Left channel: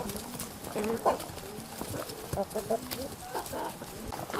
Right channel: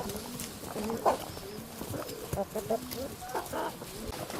Thank you.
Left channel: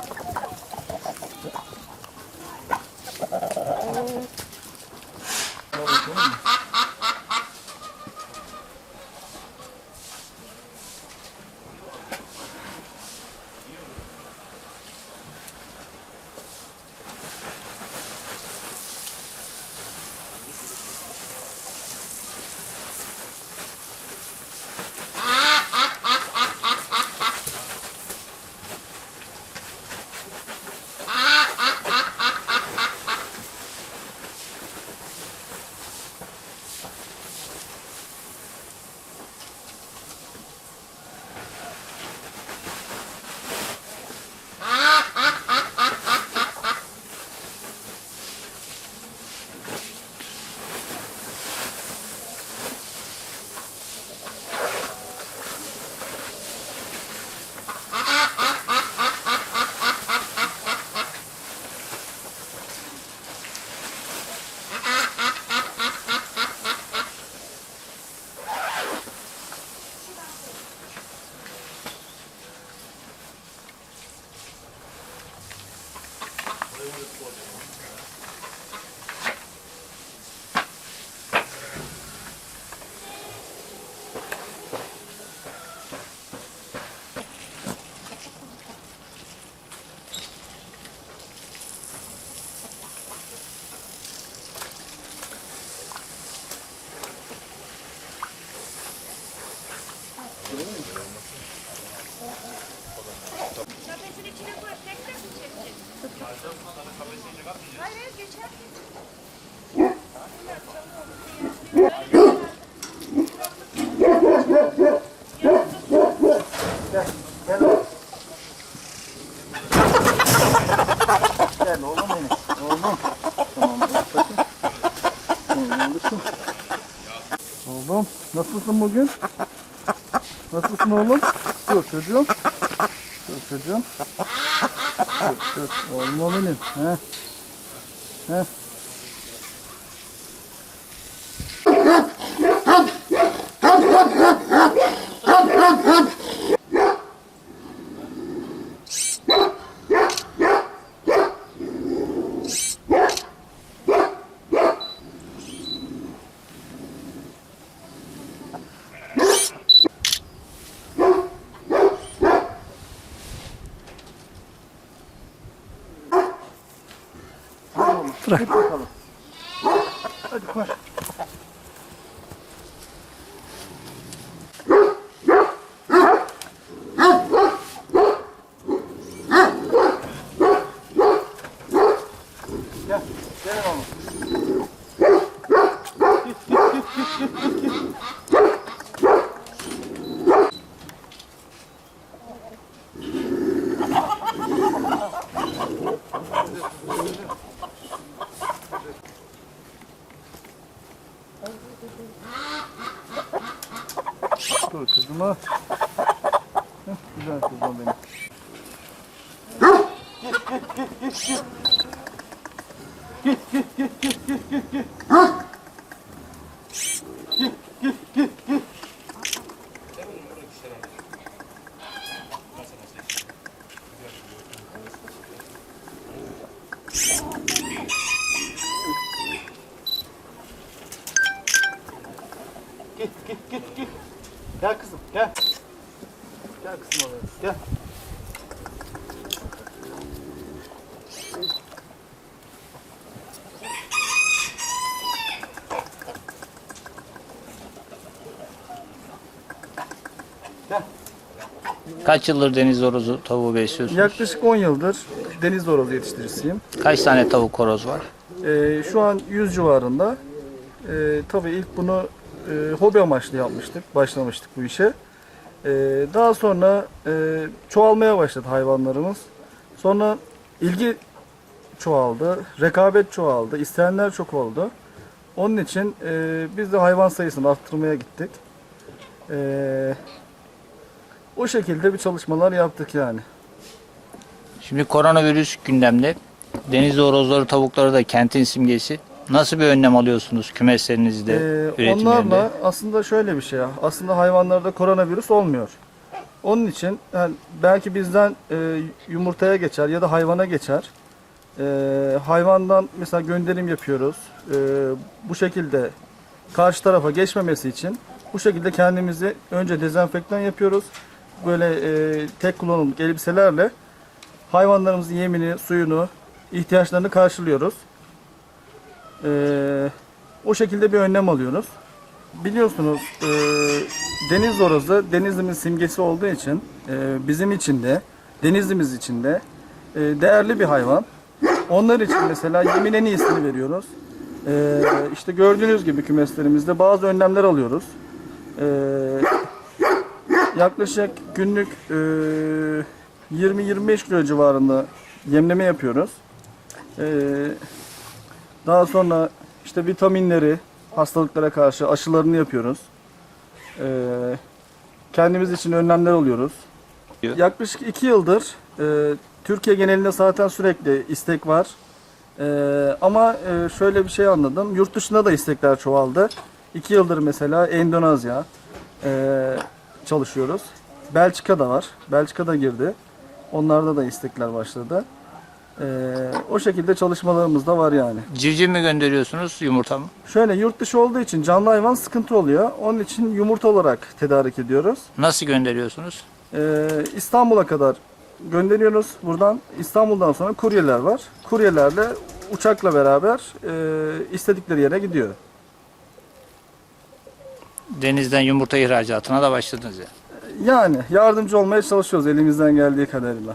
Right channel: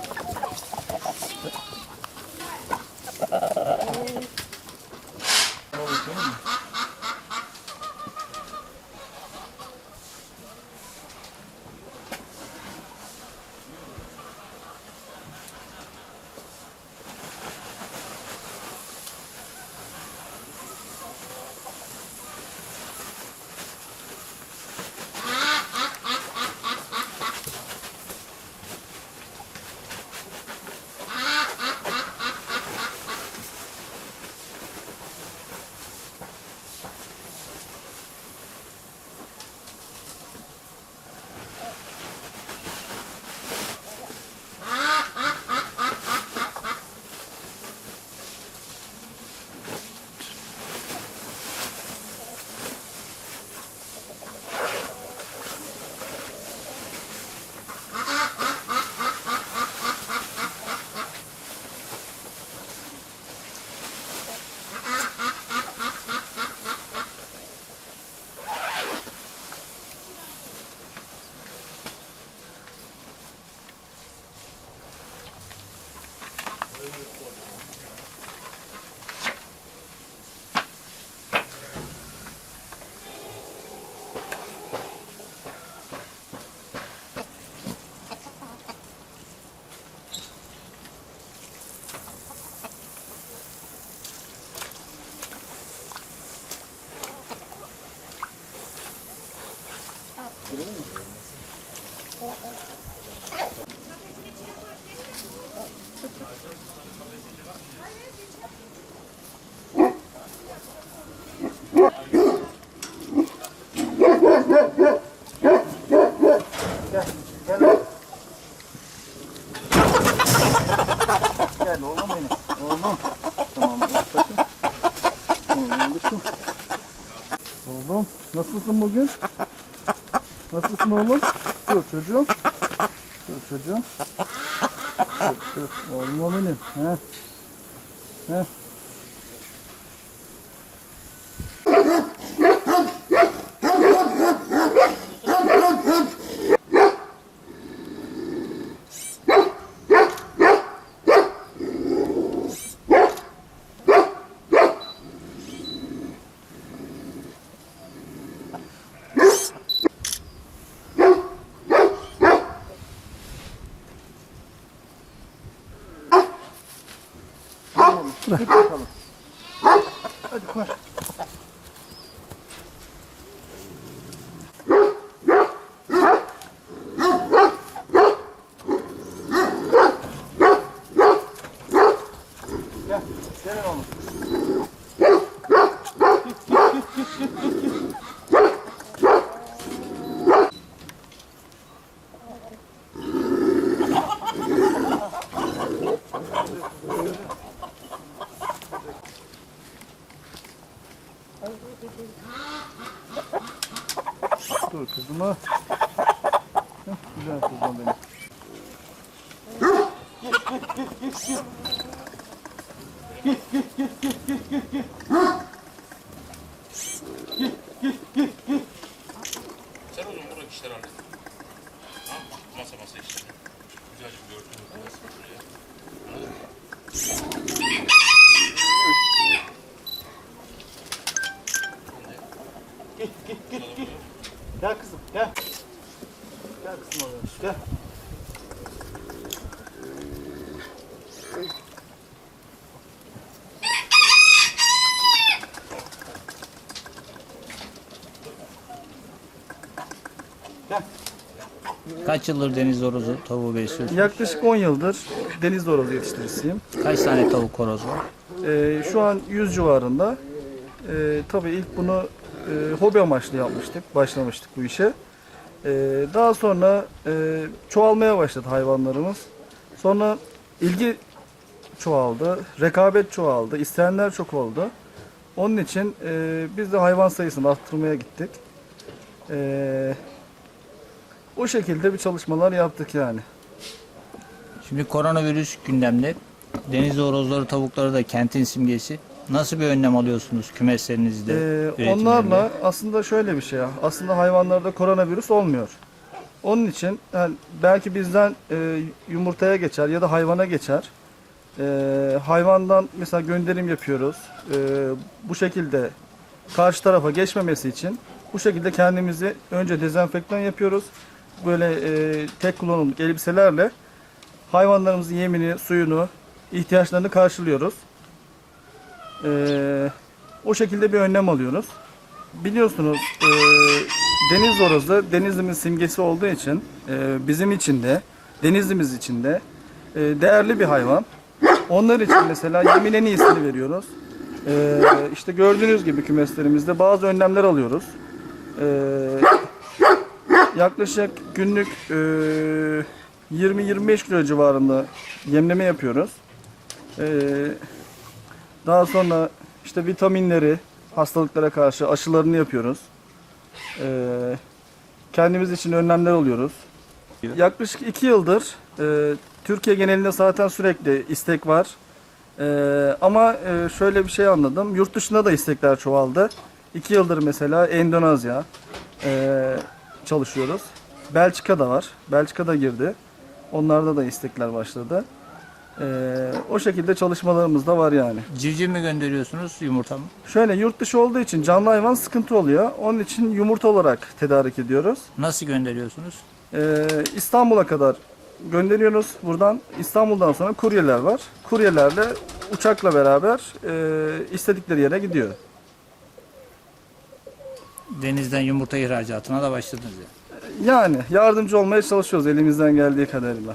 Gel oğlum benim. Oğlum. Tamam bakayım. Oğlum. Oğlum nasılsın bugün? Nasılsın oğlum? Dur çocuğum. Dur çocuğum. Dur dur. Oğlum o benim. He. He. Bırak. Git bakalım. Hadi koş. Gel. Gel oğlum. Git git git git git git git. Dur kızıma. Heh, güzel kızım benim. Git git git git. Gel kızım gel. Gel kızım oraya. Gel. Gel. Kaç yıldır deniz horozu tavuğu besliyorsunuz? Yaklaşık 10 yıldır deniz horozu yetiştiricisiyim. Kaç tane tavuk horoz var? Ee, şu an 100 civarında. Ee, tabii ilk bunu e, hobi amaçlı yapmıştık, başlamıştık bu işe. Ee, daha sonra e, çoğalmaya başladı hayvanlarımız. Sonra ilgi çoğaldı, rekabet çoğaldı, isteyenler çok oldu. Onun için e, biz de hayvan sayısını arttırmaya gittik. Ee, o şekilde bir çalışmalar yaptık yani. Şimdi koronavirüs gündemde. Deniz horozları, tavukları da kentin simgesi. Nasıl bir önlem alıyorsunuz kümeslerinizde, Ee, onlarla aslında şöyle bir şey. Aslında hayvanlarda koronavirüs olmuyor. Onun için yani belki bizden e, yumurtaya geçer ya da hayvana geçer. E, hayvandan mesela gönderim yapıyoruz. E, bu şekilde karşı tarafa geçmemesi için bu şekilde kendimizi önce dezenfektan yapıyoruz. Böyle e, tek kullanımlık elbiselerle hayvanlarımızın yemini, suyunu, ihtiyaçlarını karşılıyoruz. E, o şekilde bir önlem alıyoruz. Biliyorsunuz e, deniz horozu Denizli'nin simgesi olduğu için e, bizim için de Denizli'miz için de e, değerli bir hayvan. Onlar için mesela yemin en iyisini veriyoruz. E, işte gördüğünüz gibi kümeslerimizde bazı önlemler alıyoruz. E, yaklaşık günlük e, 20-25 kilo civarında yemleme yapıyoruz. E, daha sonra işte vitaminleri, hastalıklara karşı aşılarını yapıyoruz. Ee, kendimiz için önlemler alıyoruz. Yaklaşık iki yıldır e, Türkiye genelinde zaten sürekli istek var. Ee, ama e, şöyle bir şey anladım. Yurt dışında da istekler çoğaldı. İki yıldır mesela Endonezya e, çalışıyoruz. Belçika'da var. Belçika'da girdi. Onlarda da istekler başladı. Ee, o şekilde çalışmalarımız da var yani. Civciv mi gönderiyorsunuz yumurta mı? Şöyle yurt dışı olduğu için canlı hayvan sıkıntı oluyor. Onun için yumurta olarak tedarik ediyoruz. Nasıl gönderiyorsunuz? Ee, İstanbul'a kadar gönderiyoruz. Buradan İstanbul'dan sonra kuryeler var. Kuryelerle uçakla beraber e, istedikleri yere gidiyor. Denizden yumurta ihracatına da başladınız ya. Yani yardımcı olmaya çalışıyoruz elimizden geldiği kadarıyla.